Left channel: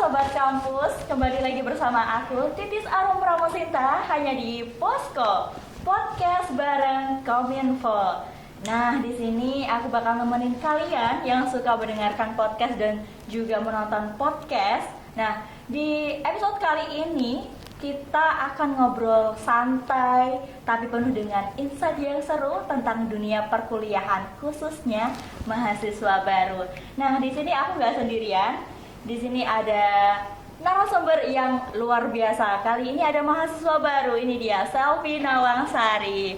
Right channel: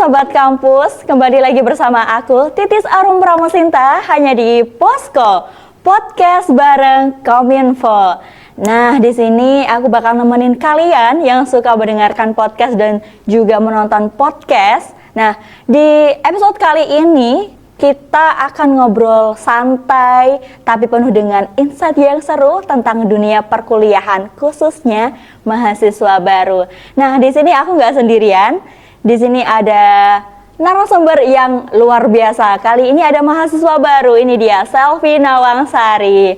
Sobat Kampus, kembali lagi bersama aku Titis Arum Pramosinta hanya di Posko Podcast bareng Kominfo. Nah, di sini aku bakal nemenin kalian yang suka mendengarkan podcast dan juga menonton podcast. Nah, di episode kali ini kita akan ngobrol santai tapi penuh dengan insight yang seru tentang dunia perkuliahan, khususnya mahasiswa baru. Nah, di sini aku nggak sendirian. Di sini ada narasumber yang luar biasa. Kali ini ada mahasiswa baru. Ini dia Selvi Nawangsari.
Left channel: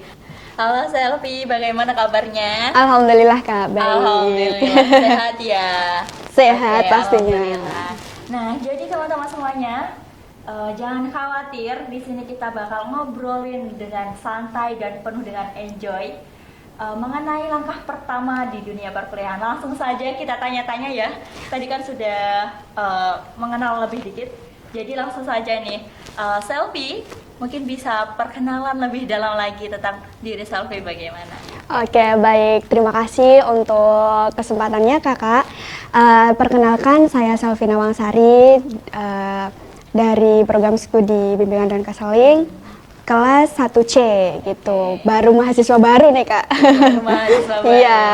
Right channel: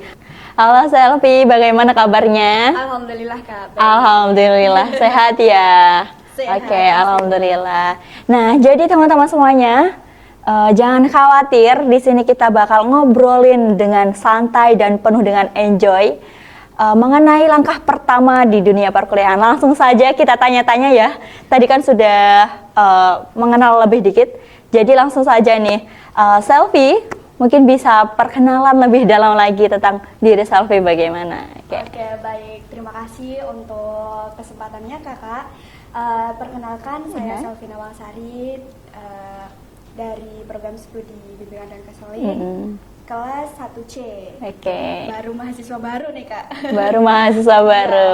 Halo Selvi, bagaimana kabarnya? Alhamdulillah Kak, baik. Alhamdulillah, sehat ya? Sehat, Oke, pastinya. alhamdulillah. Nah, jadi teman-teman semuanya, jangan khawatir. Di sini kita bakal ngobrolin dengan santai dan penuh dengan enjoy mengenai langkah pertama di dunia perkuliahan. Langsung saja kita tanya-tanya ya. Tadi kan sudah mengenal lebih dikit. Jadi langsung saja nih, Selvi mungkin bisa perkenalan lebih dalam lagi tentang diri Selvi bagaimana? Oke, baik. Terima kasih untuk kesempatannya Kakak. Perkenalkan, saya Selvi Nawangsari dari program studi bimbingan dan konseling. Kelas 1C gitu. Oke. Baru mahasiswa baru nih Kak. Baru mahasiswa baru. Iya.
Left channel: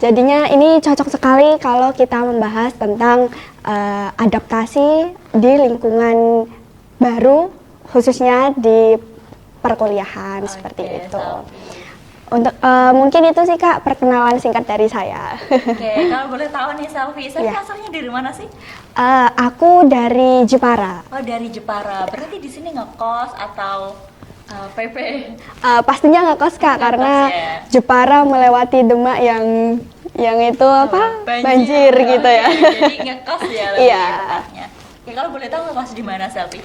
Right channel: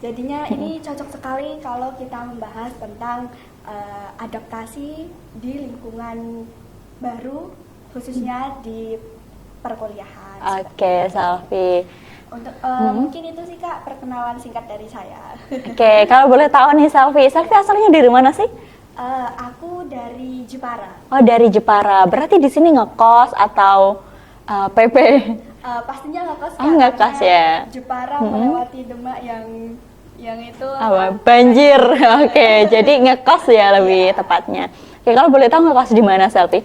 Jadinya ini cocok sekali kalau kita membahas tentang adaptasi di lingkungan baru, khususnya di perkuliahan seperti Oke, itu. Selvi. Untuk mungkin itu sih Kak perkenalan singkat dari saya. Oke, kalau boleh tahu nih Selvi Ya. asalnya dari mana sih? Aku dari Jepara. Oh, dari Jepara. Berarti di sini ngekos atau PP? Pastinya ngekos Kak ngekos karena ya. Jepara melewati Demak yang itu apa? Banjir gitu Oke, ya. jadi ngekos ya lebih Iya. tepatnya. Oke, kalau boleh tahu ngekos di mana Selvi?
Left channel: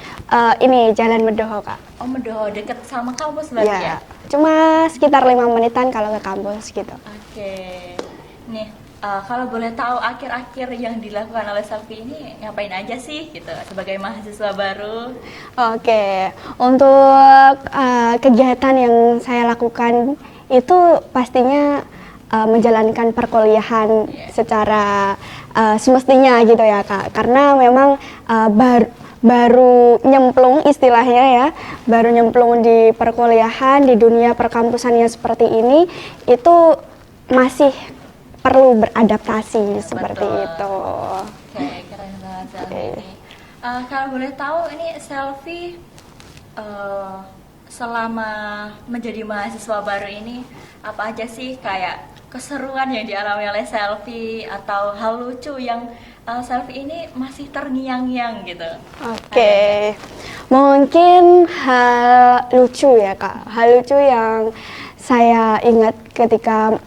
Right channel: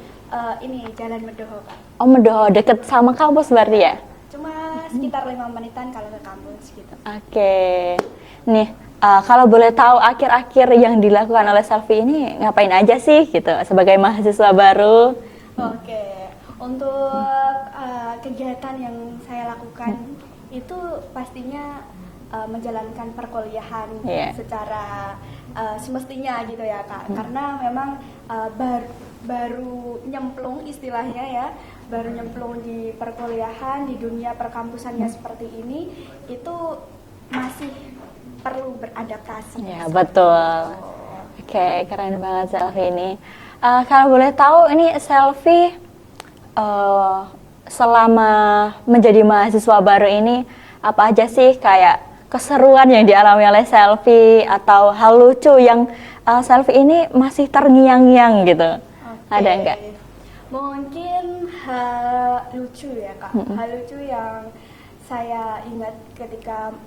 Ini Jalan Medoho Kak. Oh, Medoho, deket sama kampus berarti ya? Cuma sekitar 5 menitan kalau ke kampus gitu. Oke. Nih, kalau boleh tahu akhir-akhir yang dilakukan oleh Selvi ini ngapain aja sih gitu sebagai mahasiswa baru? Oke, untuk kegiatan yang saya lakukan itu pastinya menjalankan perkuliahan Iya. secara semestinya gitu ya Kak. Karena memang baru nyemplung istilahnya ya, baru nyemplung di perkuliahan, di dunia perkampusannya seperti ini, itu masih perlu beradaptasi Ya, seperti betul. itu. Oke, keren banget Selvi ini. Kalau boleh tahu ini Selvi selama menjadi mahasiswa baru ini apa aja sih kayak keseruan yang dialami oleh Selvi atau hal lucu yang Selvi ini masih terngiang-ngiang gitu? Oke, Ada nggak? mungkin hal lucu ya Kak. Hal lucu yang saya ingat ketika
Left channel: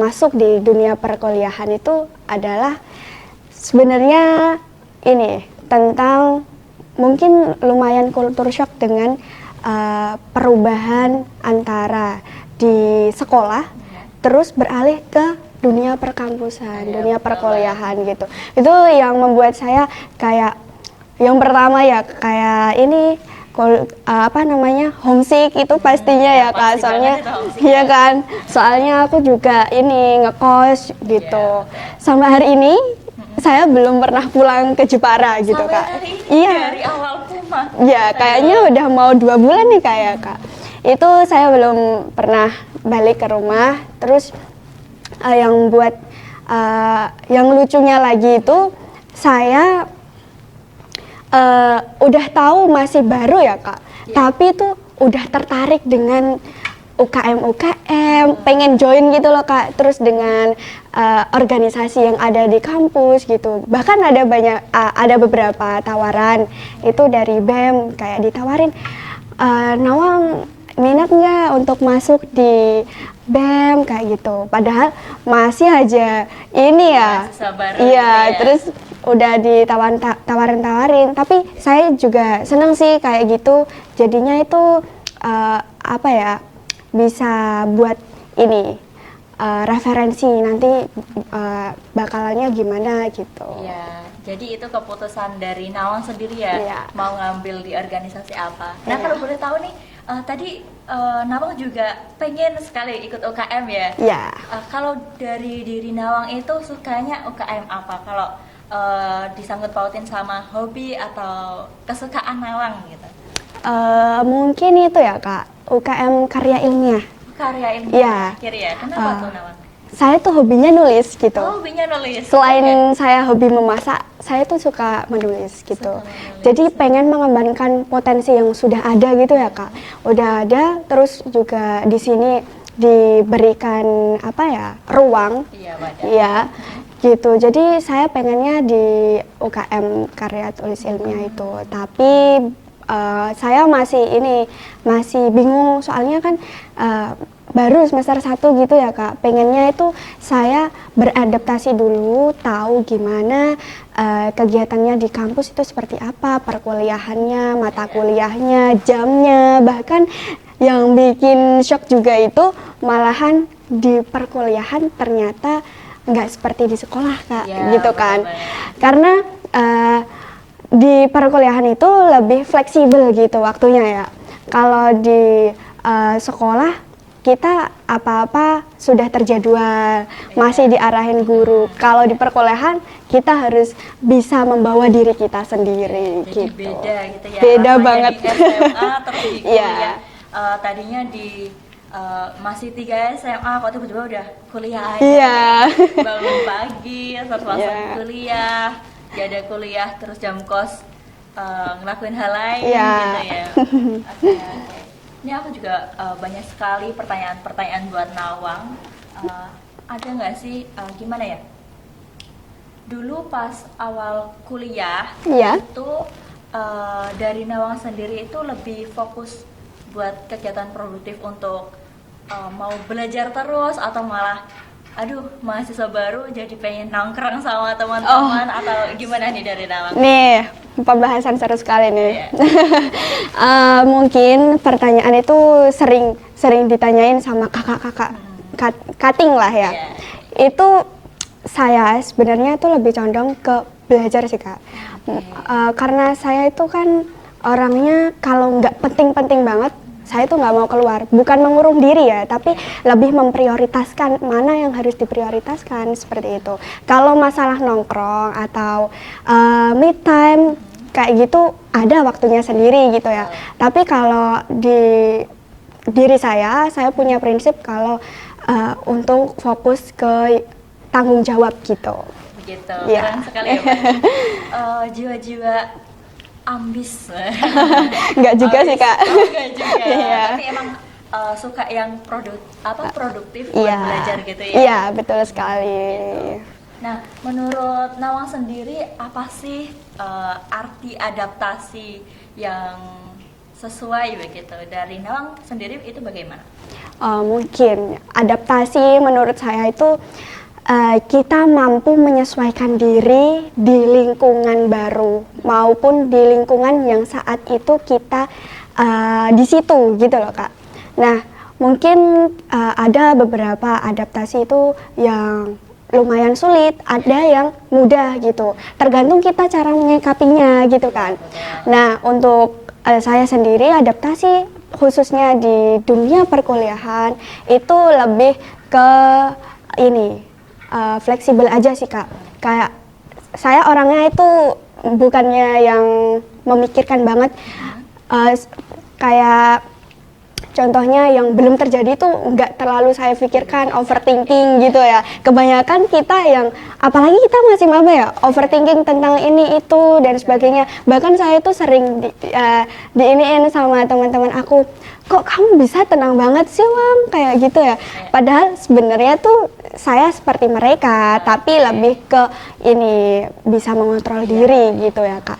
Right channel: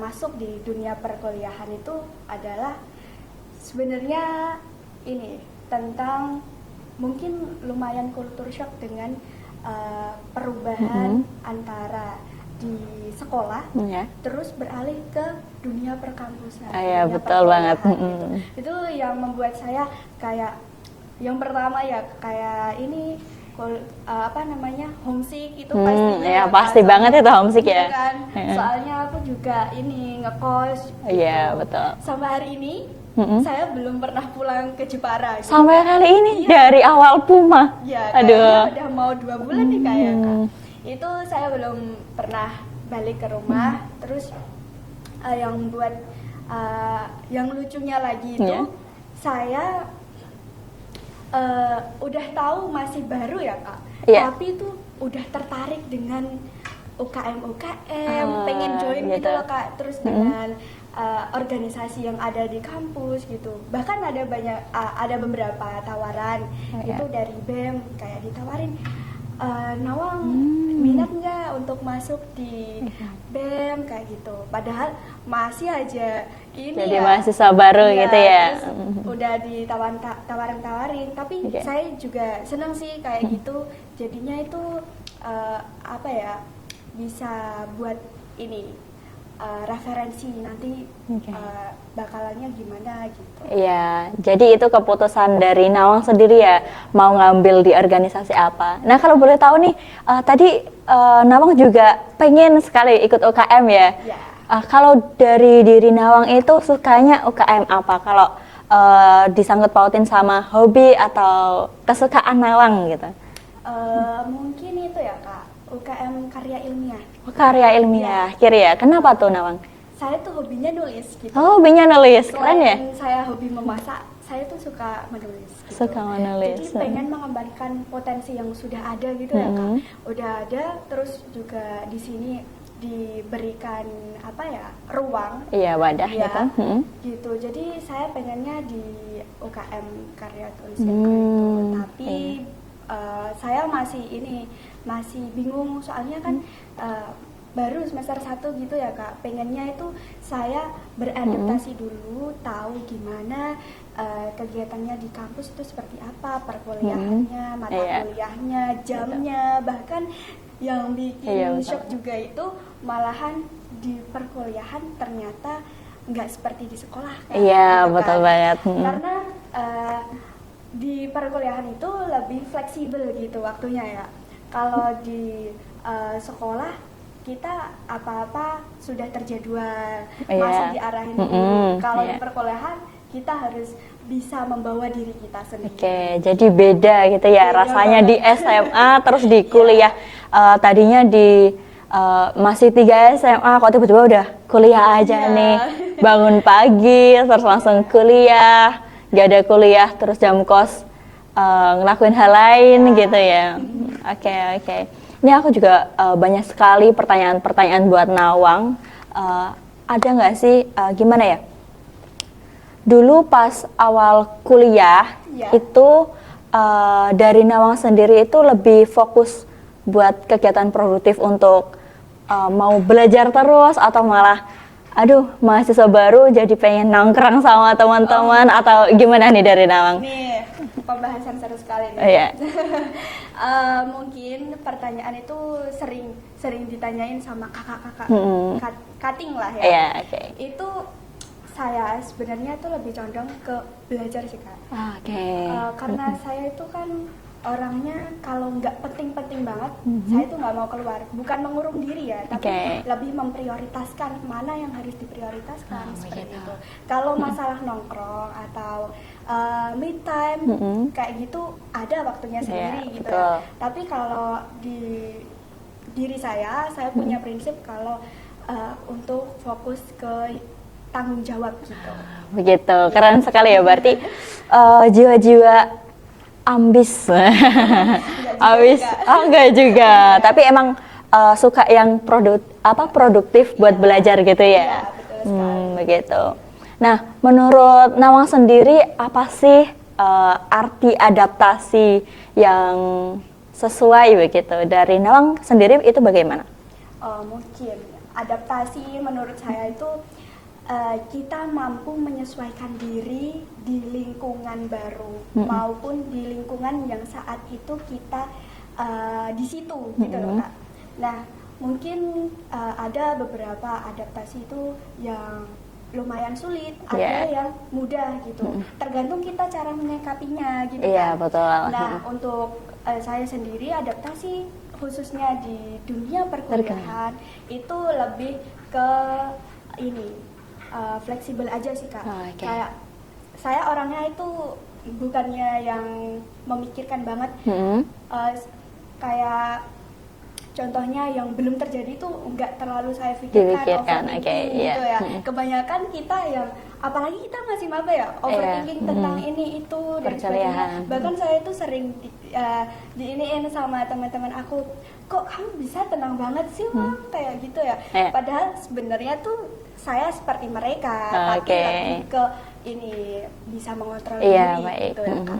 masuk di dunia perkuliahan itu adalah sebenarnya ini tentang mungkin lumayan culture shock dengan perubahan antara di sekolah Iya. terus beralih ke dunia perkampusan, Iya, dunia betul perkuliahan banget. gitu. Itu yang membuat saya kayak yang pertama ya kayak ini homesick itu pastinya ya, ya pasti Kak. banget itu homesick iya ya. kan. Soalnya aku juga ini ngekos gitu. Iya, betul. Sampai hari ini saya belum pernah pulang ke Jepara gitu Sampai Kak. hari ini Iya. dari awal Puma. Ya, kayaknya Aduh. udah mau 2 bulan nih kayak Kak. Itu saya belum pernah balik ke rumah. Terus yang buat yang lucunya lagi itu saya udah tahu masih baru ya Kak. Iya. Tapi itu udah tertarik dengan UKM, pengen join gitu loh Kak. Terus dengan organisasi yang ada di kampus gitu. Bahkan ada beberapa tawaran itu dari BEM kayak ditawarin, Nawang minat nggak untuk masuk di BEM kayak gitu. Padahal masih aja ini Jadi ya mahasiswa baru iya, gitu ya. terus udah ditawarin. Tapi saya juga seneng sih kayak gitu. Jadinya itu apa ya, bisa buat ini referensi nanti bakalannya gimana gitu. Iya, jadi itu keputusan dari Nawang sendiri ya, Iya. mau ngambil di organisasi apa. Nah, kalau boleh tahu nih, tadi Nawang juga pengen sekali ikut UKM ya. Iya. Kalau dari diri Nawang itu sukanya UKM apa? Kalau disangkut pautin sama hobi atau kesukaan Nawang gitu? Mungkin itu ya Kak, UKM karya ilmiah. Karya ilmiah, kiri ya. Kenapa tuh Nawang? Saya tuh hobinya nulis gitu. Oh, hobinya nulis. Selain saya hobi memasak, saya tuh suka menulis gitu. Suka menulis. Jadi pengen mengembangkan potensi yang sudah ada gitu ya Kak. Udah ada, terus juga di sini diberikan apa ya, ruang. Iya, wadah. Iya, gitu. Jadi saya pengennya di UKM karya tulis ilmiah itu. Tapi saya masih bingung soalnya kan baru semester 1 gitu ya Kak. Pengennya itu saya beradaptasi dulu, tahu gimana kegiatannya di kampus itu seperti apa, perkuliahannya, mata kuliahnya, jamnya, bahkan yang bikin shock juga itu malahan di perkuliahan ternyata nggak seperti di sekolah Kak, gitu kan. Karena di perkuliahan itu lebih fleksibel gitu waktunya ya. Kalau di sekolah kita apa-apa sudah terjadwal, masih diarahin guru. Kalau di perkuliahan kita harus bisa membawa diri kita sendiri. Jadi gitu. Beda gitu ya, Beda rasanya banget. di SMA terus di kuliah. Tadinya di masih 3 SMA, kok tiba-tiba udah kuliah aja nih. Bangun pagi, terus langsung kuliah. Gak ada kuliah, terus jam kos ngelakuin hal lain gitu ya. Oke. Ini aku juga banyak sekali pertanyaan-pertanyaan buat Nawang. Ada nggak sih, gimana ya? Dulu pas awal kuliah itu dari Nawang sendiri itu lebih fokus buat kegiatan produktif untuk mau belajar terus atau malah aduh mahasiswa baru jadi pengen nongkrong sama teman-teman atau gimana nih dari Nawang? Nih, pembahasan seru sekali nih. Iya. Mungkin pertanyaan itu sering ditanyain sama kakak-kakak, cutting lah ya. Iya, Itu saya sebenarnya itu lebih condong ke belajar sih Kak. Karena saya itu kan orangnya kalau nggak penting-penting banget, saya tuh nggak mau keluar. Bukan mengurung diri ya, tapi lebih memprioritaskan mana yang harus diprioritaskan seperti itu. Kalau masalah nongkrong atau me time kayak gitu ada waktunya sendiri gitu ya. Tapi kalau di diri saya punya prinsip kalau untuk fokus ke tanggung jawab gitu. Begitu, keren sekali ya berarti jiwa-jiwa ambis. Enggak juga sih Kak. Enggak juga, tapi emang suka yang produktif buat belajar gitu ya. Iya, betul sekali. Begitu. Nah, menurut Nawang sendiri apa sih arti adaptasi yang sesuai begitu? Dari Nawang sendiri itu bagaimana? Mungkin adaptasi menurut saya itu kita mampu menyesuaikan diri di lingkungan baru maupun di lingkungan yang saat itu kita di situ gitu loh Kak. Nah mungkin ada beberapa adaptasi itu yang lumayan sulit, ada yang mudah gitu. Tergantung kita cara menyikapinya gitu kan. Betul. Nah untuk saya sendiri adaptasi khususnya di dunia perkuliahan itu lebih ke ini. Fleksibel aja sih Kak. Kayak saya orangnya itu bukannya yang memikirkan banget. Kayak contohnya yang belum terjadi tuh nggak terlalu saya pikirkan, overthinking gitu ya. Kebanyakan kita yang, apalagi kita masih maba ya, overthinking tentang ini itu dan sebagainya. Bahkan saya tuh sering diiniin sama teman-teman aku, kok kamu bisa tenang banget sih Wang, kayak gitu ya. Padahal sebenarnya tuh saya seperti mereka, tapi lebih ke ini bisa mengontrol diri gitu ya Kak.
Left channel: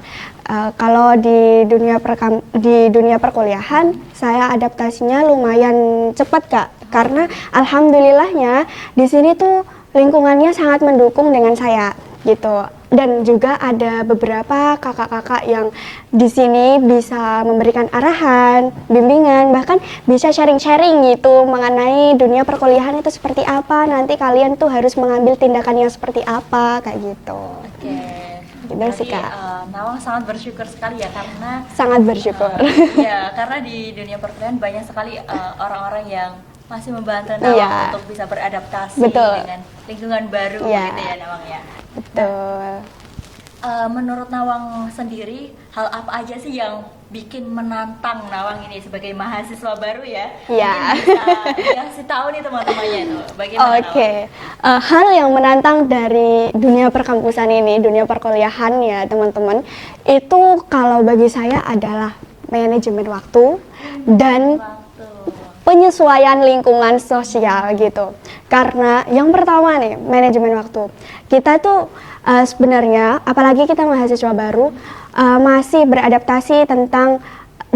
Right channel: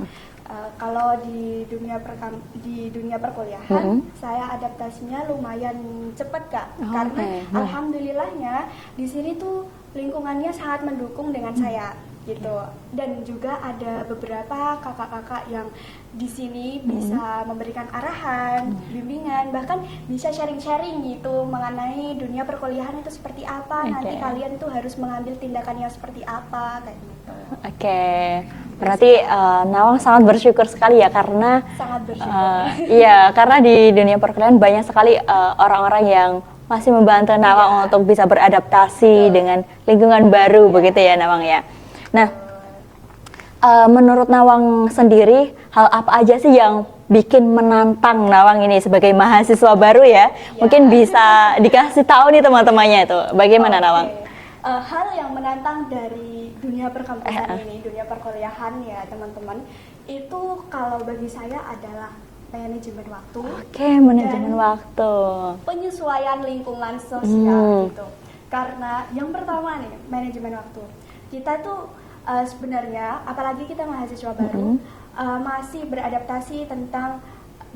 Kalau di dunia perkuliahan, saya adaptasinya lumayan cepat Kak, karena alhamdulillahnya di sini tuh lingkungannya sangat mendukung dengan saya gitu. Dan juga ada beberapa kakak-kakak yang di sini bisa memberikan arahan, bimbingan, bahkan bisa sharing-sharing gitu mengenai dunia perkuliahan itu seperti apa, nanti kalian tuh harus mengambil tindakannya seperti apa, kayak gitu. Berarti Nawang sangat bersyukur sekali ya, karena sangat bersyukur. Iya, karena di dunia perkuliahan banyak sekali orang-orang yang masih membantu Nawang untuk bisa beradaptasi dengan lingkungan baru begitu ya Nawang ya. Nah, menurut Nawang sendiri, hal apa aja sih yang bikin menantang Nawang ini sebagai mahasiswa baru ya? Iya. Mungkin bisa dikasih tahu nih teman-temannya itu. Bagaimana Nawang? Hal yang menantang dari dunia perkampusan ini, dunia perkuliahan ya teman-teman, itu kalau bagi saya adalah manajemen waktu dan waktu. penyesuaian lingkungan sosial gitu. Karena yang pertama nih, manajemen waktu. Kita tuh sebenarnya, apalagi kita mahasiswa baru, masih beradaptasi tentang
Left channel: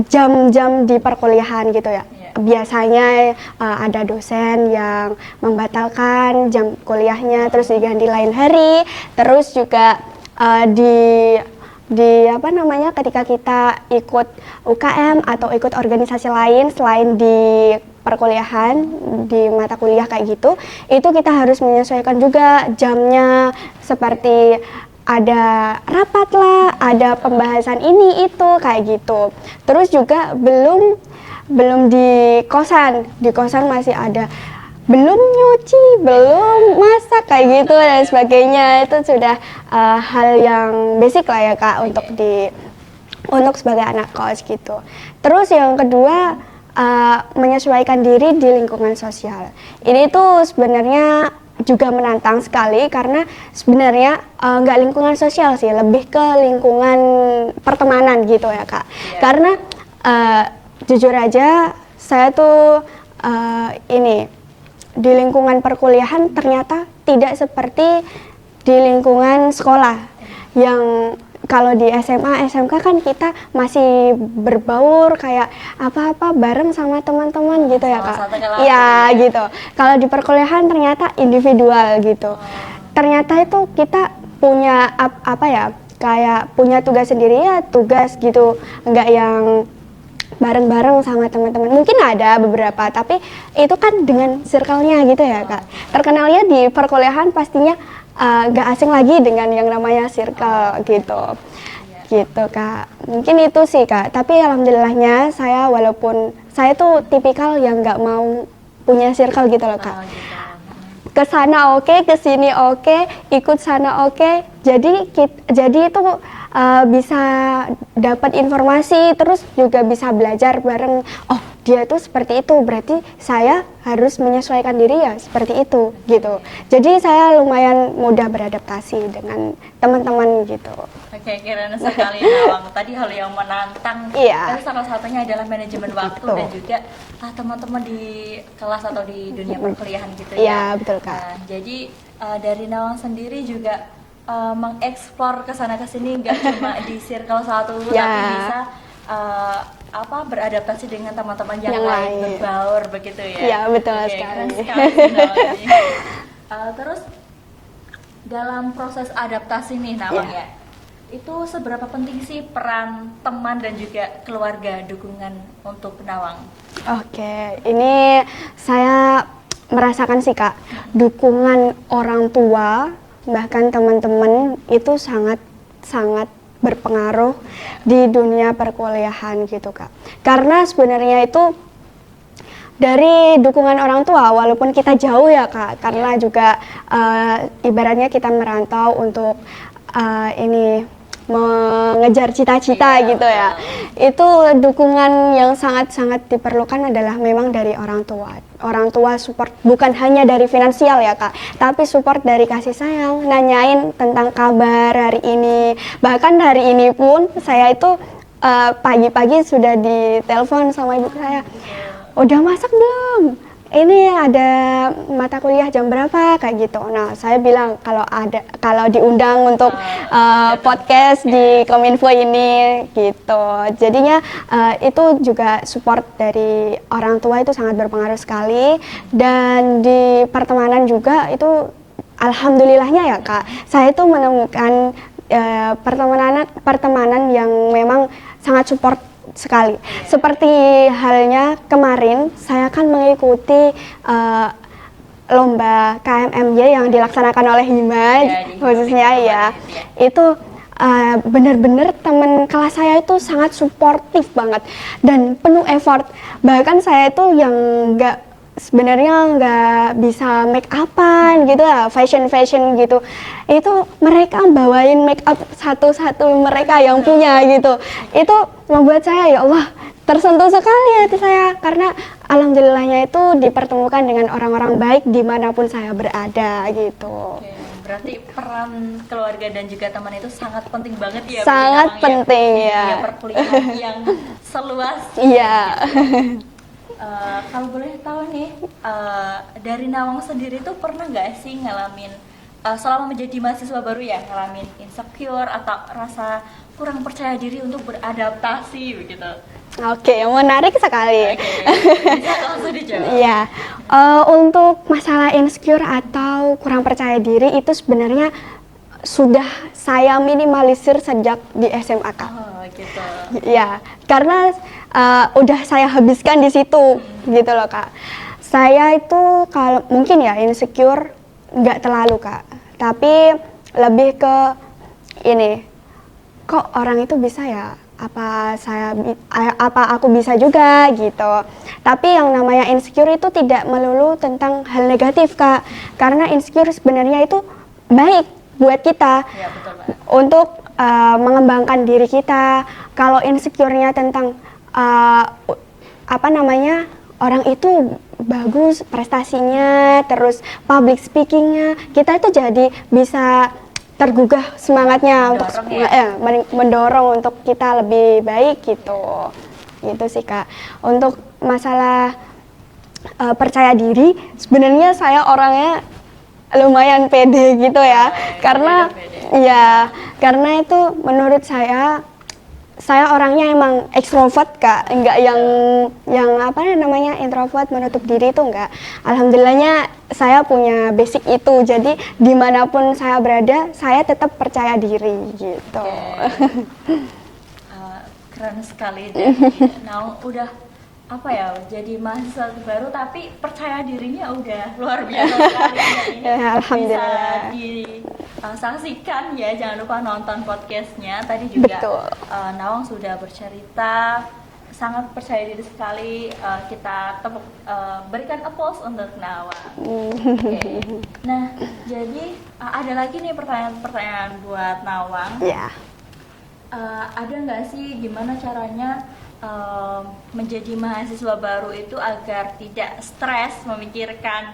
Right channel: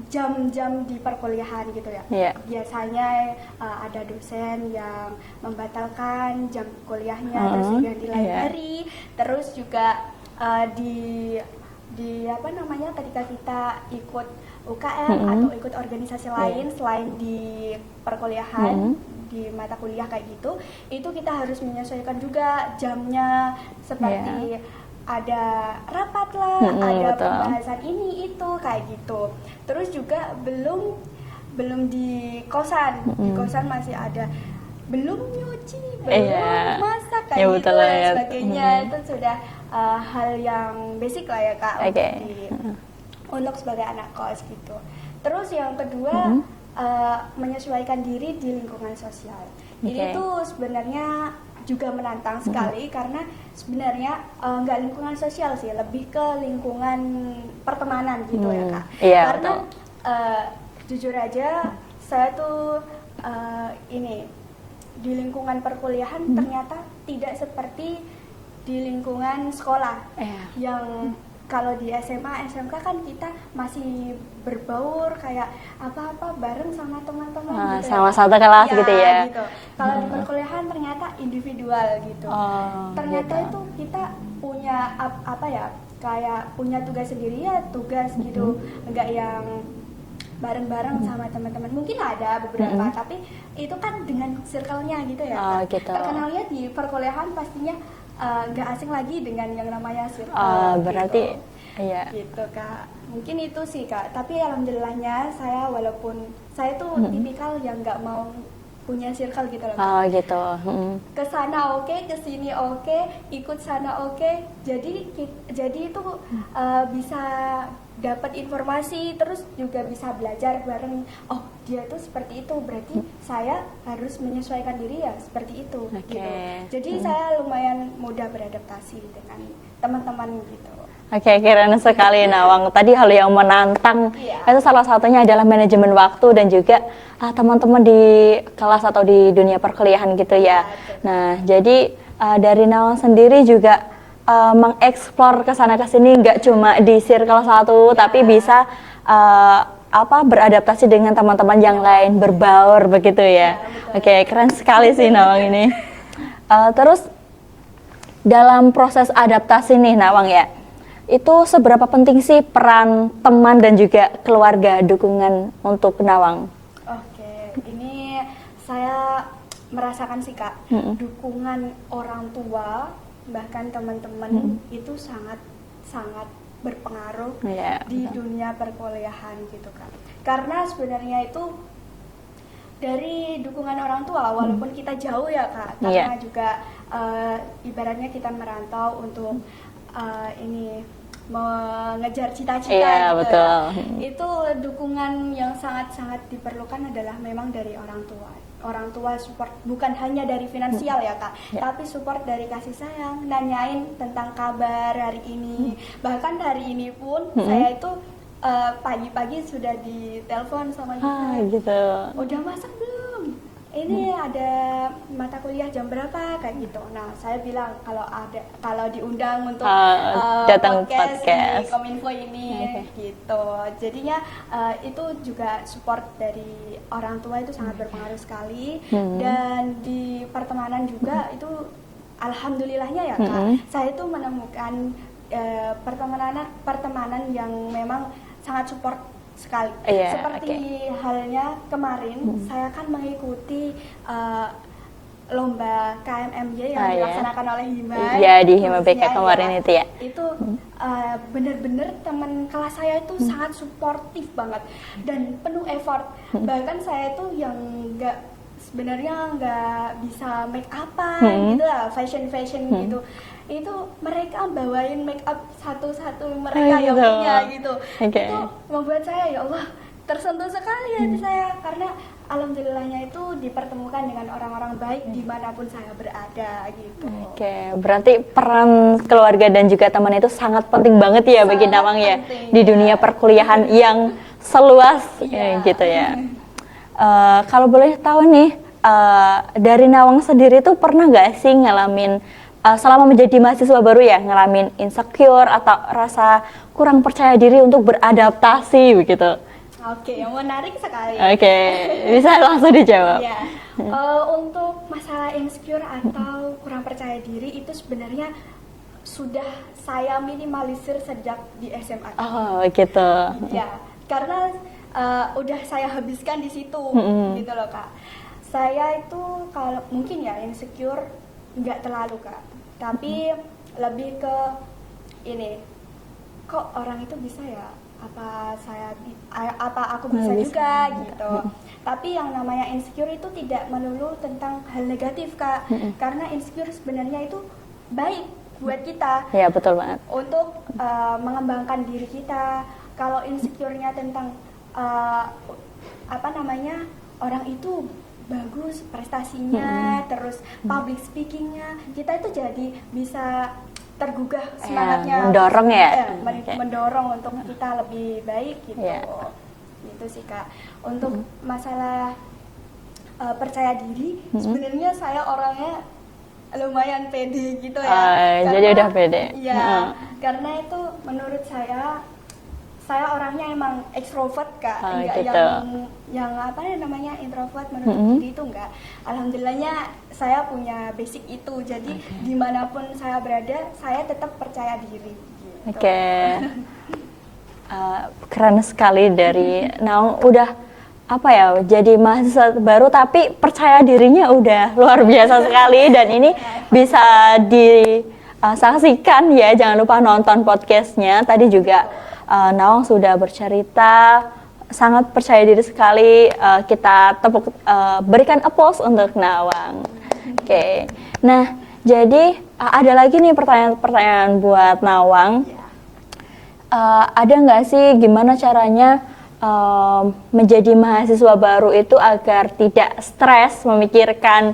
jam-jam di perkuliahan gitu ya. Yeah. Biasanya ada dosen yang membatalkan jam kuliahnya, terus diganti lain hari. Terus juga di apa namanya, ketika kita ikut UKM atau ikut organisasi lain selain di perkuliahan, di mata kuliah kayak gitu, itu kita harus menyesuaikan juga jamnya, seperti ada rapat lah, ada betul. pembahasan ini itu kayak gitu. Terus juga belum di kosan, di kosan masih ada belum nyuci, belum masak kayak Ya, gitu betul, dan ya. sebagainya. Itu sudah hal yang basic lah ya Kak, untuk sebagai anak kos gitu. Terus yang kedua, menyesuaikan diri di lingkungan sosial. Ini tuh sebenarnya juga menantang sekali karena sebenarnya nggak lingkungan sosial sih, lebih ke lingkungan pertemanan gitu ya Kak. Iya. Karena jujur aja saya tuh di lingkungan perkuliahan ternyata tidak seperti di lingkungan sekolah yang kalau di SMA, SMK kan kita masih berbaur kayak apa-apa bareng sama teman-teman gitu ya sama Kak. satu kelas Iya, gitu ya. gitu. Kalau di perkuliahan ternyata individual gitu. Ternyata itu kita punya kayak punya tugas sendiri ya, tugas gitu. Enggak yang bareng-bareng sama teman-teman. Mungkin ada beberapa, tapi itu kan dengan circle-nya gitu ya Kak. Gitu. Terkenalnya di perkuliahan pastinya nggak asing lagi dengan yang namanya circle gitu. Iya. Gitu Kak. Mungkin itu sih Kak. Tapi alhamdulillahnya walaupun saya tuh tipikal yang nggak mau punya circle gitu loh Kak. Gitu. Ke sana oke, ke sini oke, ikut sana oke. Jadi itu bisa dapat informasi, terus juga bisa belajar bareng. Oh, dia tuh seperti itu, berarti saya harus menyesuaikan diri ya seperti itu gitu. Jadi saya lumayan mudah beradaptasi dengan teman-teman gitu. Oke, keren sekali Nawang. Tadi hal yang menantang itu salah satunya adalah manajemen waktu dan juga teman-teman di kelas atau di dunia perkuliahan gitu ya. Betul, Kak. Nah, jadi dari Nawang sendiri juga mengeksplor ke sana ke sini, nggak cuma di circle satu, tapi bisa beradaptasi dengan teman-teman yang lain, berbaur begitu ya. Iya, betul. Oke, keren sekali sih Nawang ini. Terus dalam proses adaptasi nih Nawang ya, itu seberapa penting sih peran teman dan juga keluarga dukungan untuk Nawang? Oke, ini saya merasakan sih Kak, dukungan orang tua bahkan teman-teman itu sangat berpengaruh di dunia perkuliahan gitu Kak. Karena sebenarnya itu dari dukungan orang tua, walaupun kita jauh ya Kak, karena juga ibaratnya kita merantau untuk mengejar cita-cita gitu betul. ya. Itu dukungan yang sangat-sangat diperlukan adalah memang dari orang tua. Orang tua support bukan hanya dari finansial ya Kak, tapi support dari kasih sayang, nanyain tentang kabar hari ini. Bahkan hari ini pun saya itu pagi-pagi sudah ditelepon sama ibu saya. Gitu. Udah masak belum? Ini ada mata kuliah jam berapa kayak gitu. Nah, saya bilang kalau diundang untuk podcast di Kominfo ini gitu. Jadinya itu juga support dari orang tua itu sangat berpengaruh sekali. Dan di pertemanan juga itu alhamdulillahnya ya Kak, saya itu menemukan pertemanan yang memang sangat support sekali. Seperti halnya kemarin saya kan mengikuti lomba KMMY yang dilaksanakan oleh Hima khususnya itu benar-benar teman kelas saya itu sangat suportif banget dan penuh effort. Bahkan saya itu yang nggak sebenarnya nggak bisa make upan gitu ya, fashion gitu. Itu mereka bawain make up satu-satu mereka yang punya gitu. Itu membuat saya ya Allah tersentuh sekali hati saya, karena alhamdulillahnya itu dipertemukan dengan orang-orang baik dimanapun saya berada gitu. Oke, berarti peran keluarga dan juga teman itu sangat penting banget ya bagi Sangat Nawang penting, ya di dunia perkuliahan yang seluas ini gitu ya. Kalau boleh tahu nih, dari Nawang sendiri tuh pernah nggak sih ngalamin selama menjadi mahasiswa baru ya, ngalamin insecure atau rasa kurang percaya diri untuk beradaptasi begitu? Oke, menarik sekali. Oke, bisa langsung dijawab. Iya, untuk masalah insecure atau kurang percaya diri itu sebenarnya sudah saya minimalisir sejak di SMA. Oh gitu. Ya, karena udah saya habiskan di situ, gitu loh Kak. Saya itu kalau mungkin ya insecure nggak terlalu Kak, tapi lebih ke ini, kok orang itu bisa ya? Apa aku bisa juga gitu. Tapi yang namanya insecure itu tidak melulu tentang hal negatif Kak, karena insecure sebenarnya itu baik buat kita. Iya betul banget. Untuk mengembangkan diri kita. Kalau insecure-nya tentang orang itu bagus prestasinya, terus public speaking-nya, kita itu jadi bisa tergugah semangatnya, mendorong mendorong untuk kita lebih baik gitu. Gitu sih Kak. Untuk masalah percaya diri, sebenarnya saya orangnya lumayan pede gitu ya, karena pede. Iya, karena itu menurut saya orangnya emang ekstrovert Kak, enggak yang introvert menutup diri itu enggak. Alhamdulillahnya saya punya basic itu, jadi dimanapun saya berada, saya tetap percaya diri gitu. Oke. Keren sekali dari Nawang, udah jadi mahasiswa baru tapi percaya dirinya udah luar biasa sekali, dan ini bisa disaksikan ya, jangan lupa nonton podcastnya. Tadi juga Nawang sudah bercerita sangat percaya diri sekali, kita berikan applause untuk Nawang. Oke. Nah, jadi ada lagi nih pertanyaan buat Nawang. Ada nggak sih gimana caranya menjadi mahasiswa baru itu agar tidak stres memikirkan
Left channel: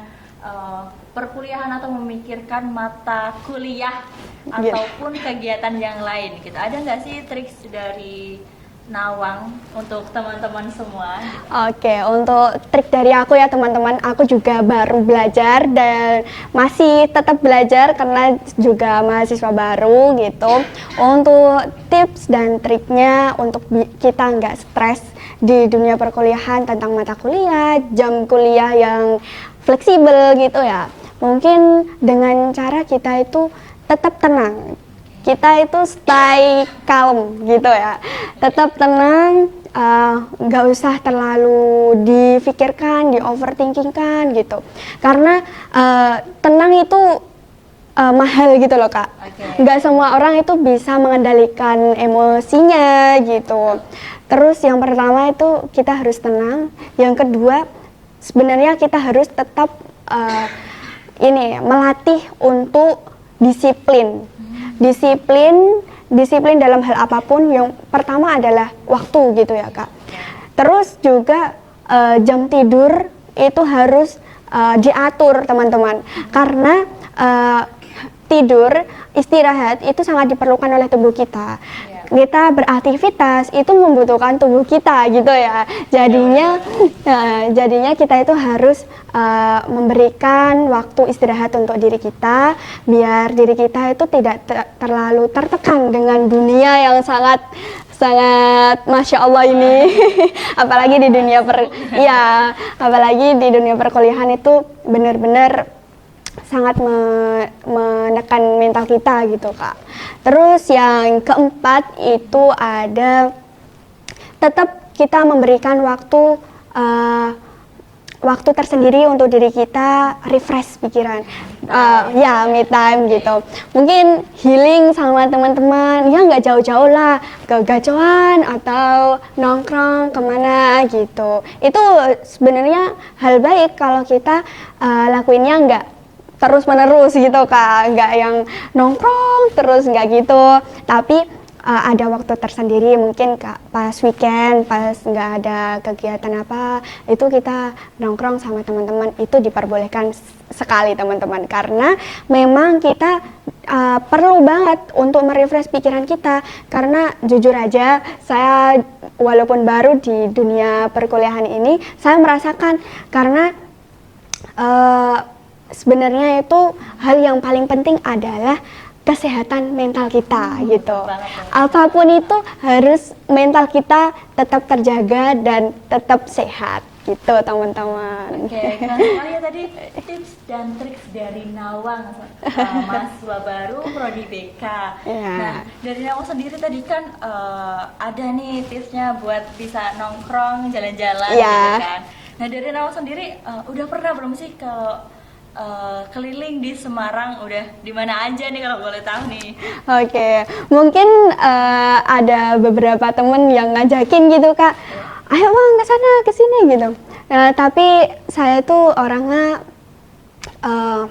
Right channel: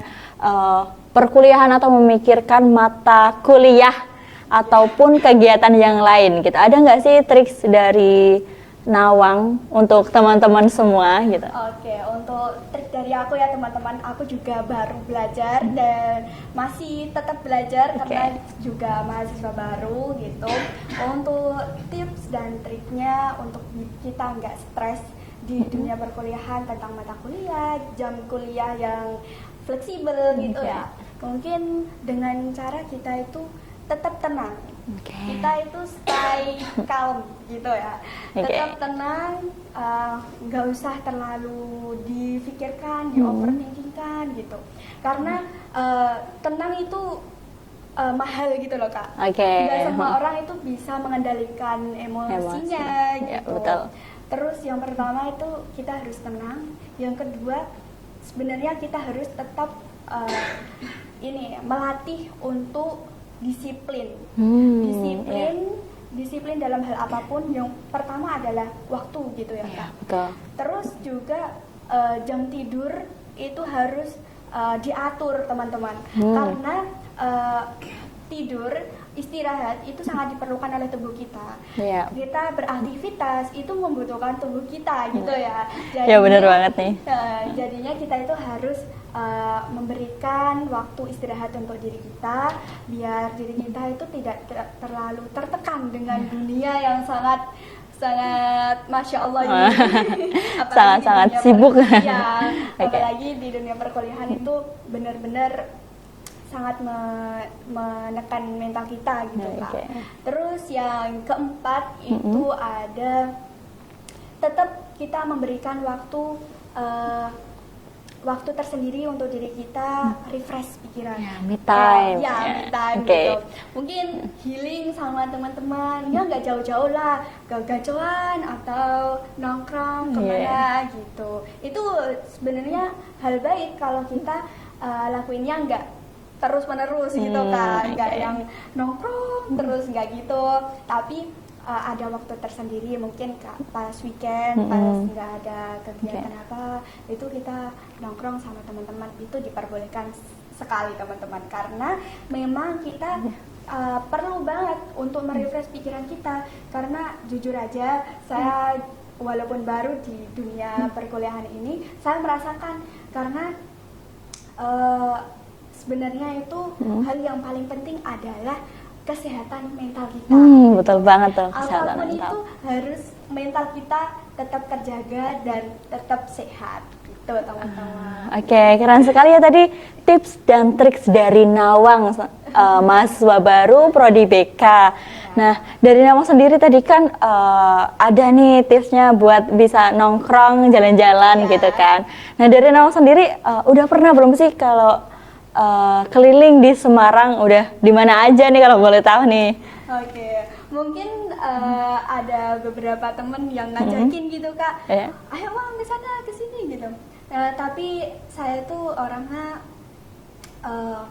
perkuliahan atau memikirkan mata kuliah ataupun kegiatan yang lain gitu? Ada nggak sih trik dari Nawang untuk teman-teman semua gitu? Oke, untuk trik dari aku ya teman-teman, aku juga baru belajar dan masih tetap belajar karena juga mahasiswa baru gitu. Untuk tips dan triknya untuk kita nggak stres di dunia perkuliahan tentang mata kuliah, jam kuliah yang fleksibel gitu ya. Mungkin dengan cara kita itu tetap tenang. Kita itu stay calm gitu ya, tetap tenang, nggak usah terlalu difikirkan, di overthinkingkan gitu. Karena tenang itu mahal gitu loh Kak. Nggak semua orang itu bisa mengendalikan emosinya gitu. Terus yang pertama itu kita harus tenang. Yang kedua sebenarnya kita harus tetap melatih untuk disiplin. Disiplin dalam hal apapun. Yang pertama adalah waktu gitu ya Kak. Terus juga jam tidur itu harus diatur teman-teman. Karena tidur, istirahat itu sangat diperlukan oleh tubuh kita. Kita beraktivitas itu membutuhkan tubuh kita gitu ya. Jadinya kita itu harus memberikan waktu istirahat untuk diri kita, biar diri kita itu tidak terlalu tertekan dengan dunia yang sangat masya Allah ini. Apalagi di dunia apalagi di dunia perkuliahan itu benar-benar sangat menekan mental kita gitu Kak. Terus yang keempat itu ada tetap kita memberikan waktu waktu tersendiri untuk diri kita, refresh pikiran. Me time. Me time Oke. gitu. Mungkin healing sama teman-teman, ya nggak jauh-jauh lah, ke gacoan atau nongkrong kemana gitu. Itu sebenarnya hal baik kalau kita lakuinnya nggak terus-menerus gitu Kak, nggak yang nongkrong terus, nggak gitu. Tapi ada waktu tersendiri, mungkin pas weekend, pas nggak ada kegiatan apa, itu kita nongkrong sama teman-teman, itu diperbolehkan sekali teman-teman, karena memang kita perlu banget untuk merefresh pikiran kita, karena jujur aja saya walaupun baru di dunia perkuliahan ini, saya merasakan karena sebenarnya itu hal yang paling penting adalah kesehatan mental kita gitu. Betul banget tuh. Apapun kesehatan itu harus mental kita tetap terjaga dan tetap sehat gitu teman-teman. Oke, keren sekali ya tadi tips dan triks dari Nawang, mahasiswa baru Prodi BK. Iya. Nah, dari Nawang sendiri tadi kan ada nih tipsnya buat bisa nongkrong, jalan-jalan Iya. gitu kan. Nah, dari Nawang sendiri udah pernah belum sih kalau keliling di Semarang, udah di mana aja nih kalau boleh tahu nih? Oke, mungkin ada beberapa temen yang ngajakin gitu Kak, Iya. ayo Bang ke sana ke sini gitu. Tapi saya tuh orangnya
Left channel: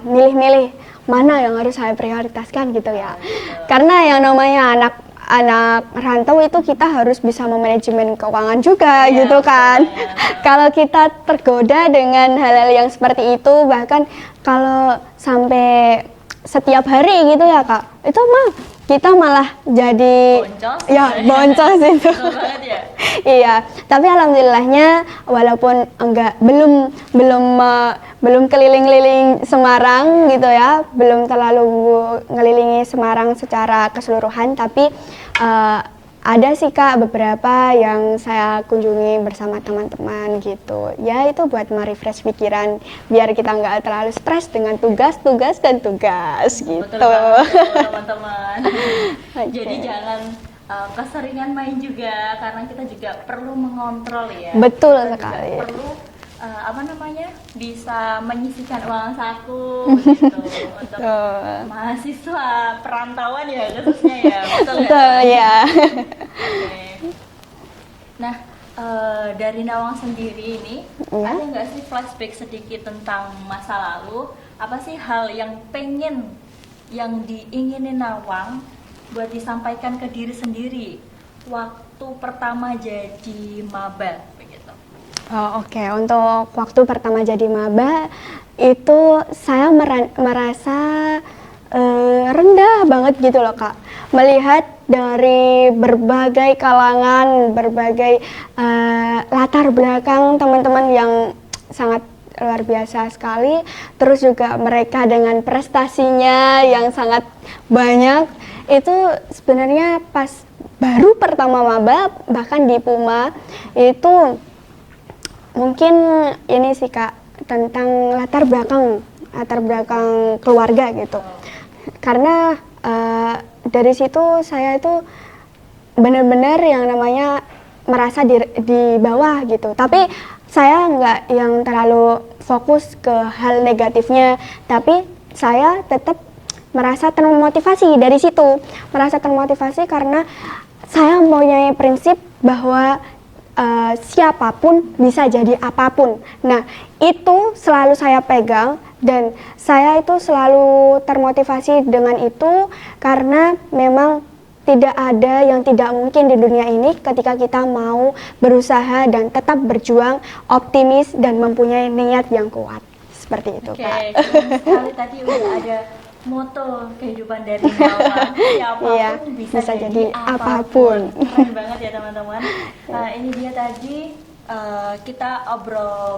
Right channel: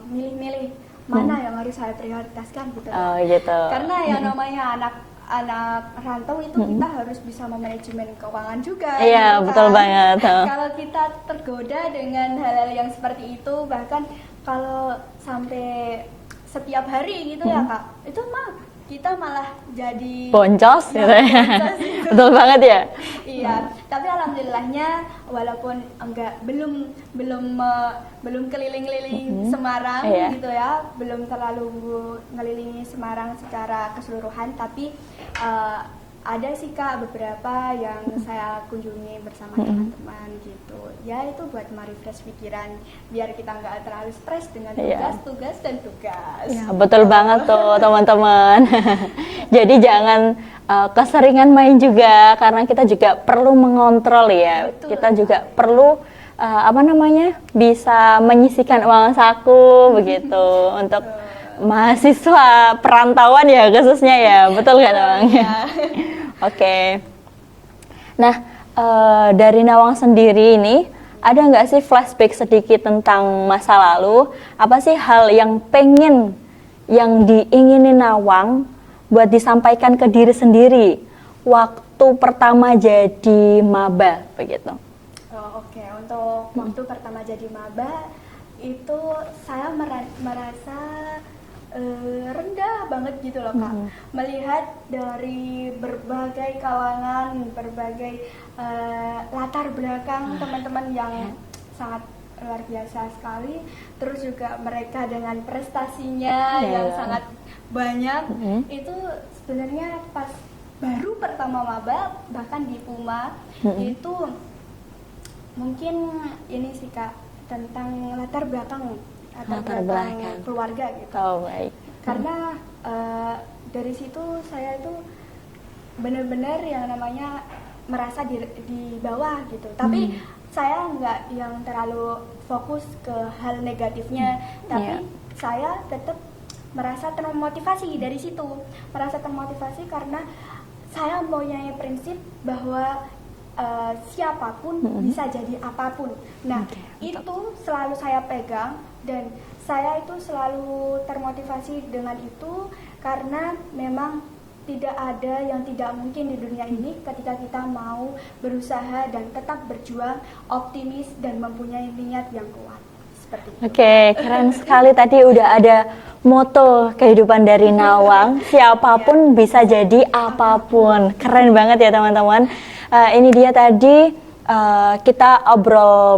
milih-milih mana yang harus saya prioritaskan gitu ya. Oh, gitu. Karena yang namanya anak rantau itu kita harus bisa memanajemen keuangan juga Iya, gitu betul kan. banget. Kalau kita tergoda dengan hal-hal yang seperti itu, bahkan kalau sampai setiap hari gitu ya Kak, itu mah kita malah jadi Boncos ya gitu ya. boncos itu. Betul banget ya. Iya, tapi alhamdulillahnya walaupun belum keliling-keliling Semarang Iya. gitu ya, belum terlalu ngelilingi Semarang secara keseluruhan, tapi ada sih Kak beberapa yang saya kunjungi bersama teman-teman gitu. Ya itu buat merefresh pikiran biar kita nggak terlalu stres dengan tugas dan tugas. gitu. Betul banget tuh teman-teman. Jadi jangan keseringan main juga, karena kita juga perlu mengontrol ya. Betul Kita juga sekali. perlu bisa menyisihkan uang saku begitu untuk mahasiswa perantauan ya khususnya ya. Betul nggak? Betul, Nawang? ya. Oke. Nah, dari Nawang sendiri ini, ada nggak sih flashback sedikit tentang masa lalu? Apa sih hal yang diingini Nawang buat disampaikan ke diri sendiri waktu pertama jadi maba begitu? Oh, oke. Untuk waktu pertama jadi maba itu saya merasa rendah banget gitu loh Kak. Melihat dari berbagai kalangan, berbagai latar belakang teman-teman yang sangat luar biasa sekali. Terus juga mereka dengan prestasinya yang sangat banyak. Itu sebenarnya pas baru pertama maba, bahkan di Puma itu mungkin ini sih Kak, tentang latar belakang keluarga gitu. Oh, baik. Karena dari situ saya itu benar-benar yang namanya merasa di bawah gitu. Tapi saya nggak yang terlalu fokus ke hal negatifnya, tapi saya tetap merasa termotivasi dari situ. Merasa termotivasi karena saya mempunyai prinsip bahwa siapapun bisa jadi apapun. Nah, itu selalu saya pegang dan saya itu selalu termotivasi dengan itu karena memang tidak ada yang tidak mungkin di dunia ini ketika kita mau berusaha dan tetap berjuang, optimis dan mempunyai niat yang kuat. Seperti itu. Oke, keren sekali tadi udah ada moto kehidupan dari Nawang, siapapun bisa jadi apapun. Keren banget ya teman-teman. Ini dia tadi kita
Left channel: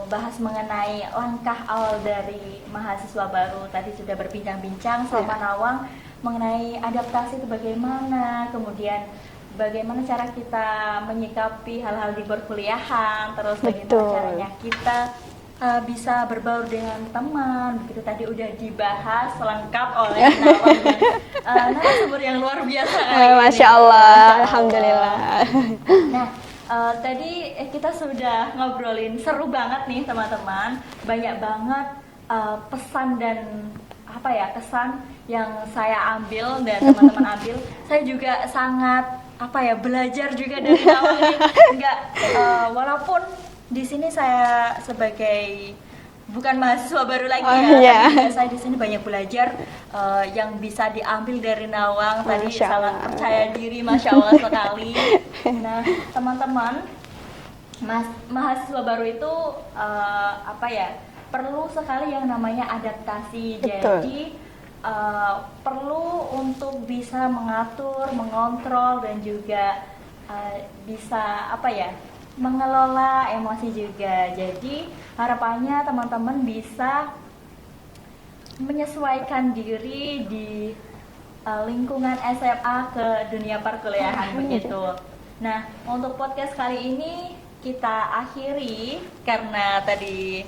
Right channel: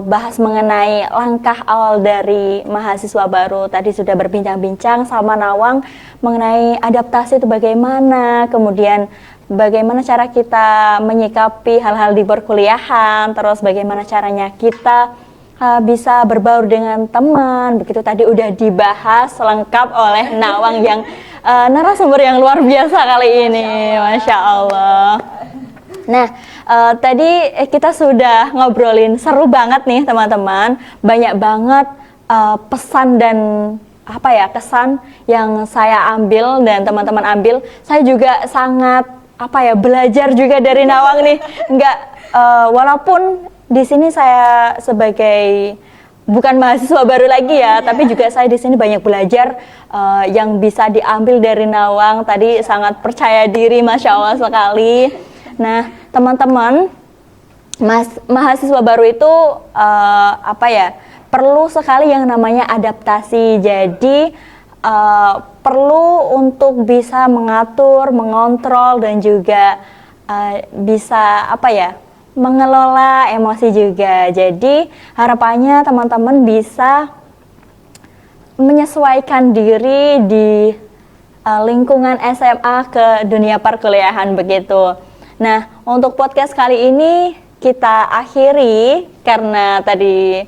bahas mengenai langkah awal dari mahasiswa baru. Tadi sudah berbincang-bincang sama Nawang mengenai adaptasi itu bagaimana, kemudian bagaimana cara kita menyikapi hal-hal di perkuliahan, terus bagaimana caranya kita bisa berbaur dengan teman, begitu tadi udah dibahas lengkap oleh Nawang yang narasumber yang luar biasa kali ini. Masya Allah. Masya Allah. Nah, tadi kita sudah ngobrolin seru banget nih teman-teman. Banyak banget pesan dan kesan yang saya ambil dan teman-teman ambil. Saya juga sangat belajar juga dari Nawang nih. Walaupun di sini saya sebagai bukan mahasiswa baru lagi ya, tapi juga saya di sini banyak belajar yang bisa diambil dari Nawang. Tadi sangat percaya diri, Masya Allah sekali. Nah, teman-teman, mahasiswa baru itu perlu sekali yang namanya adaptasi. Jadi perlu untuk bisa mengatur, mengontrol dan juga bisa mengelola emosi juga. Jadi harapannya teman-teman bisa menyesuaikan diri di lingkungan SMA ke dunia perkuliahan begitu. Nah, untuk podcast kali ini kita akhiri karena tadi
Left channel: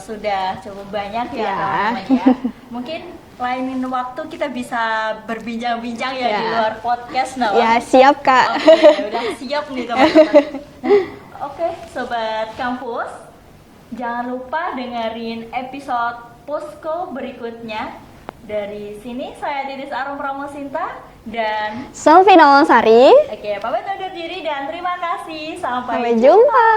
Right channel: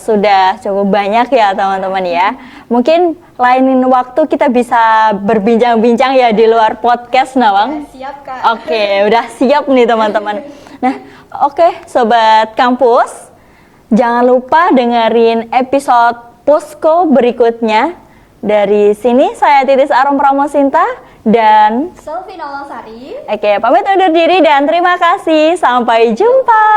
sudah cukup banyak ya teman-teman ya. Mungkin lain waktu kita bisa berbincang-bincang ya di luar podcast, Nawang. Ya, siap Kak. Oke, udah siap nih teman-teman. Nah, oke, Sobat Kampus, jangan lupa dengerin episode Posko berikutnya. Dari sini saya Titis Arum Pramosinta dan Selvi Nawang Sari. Oke, pamit undur diri dan terima kasih. Sampai jumpa.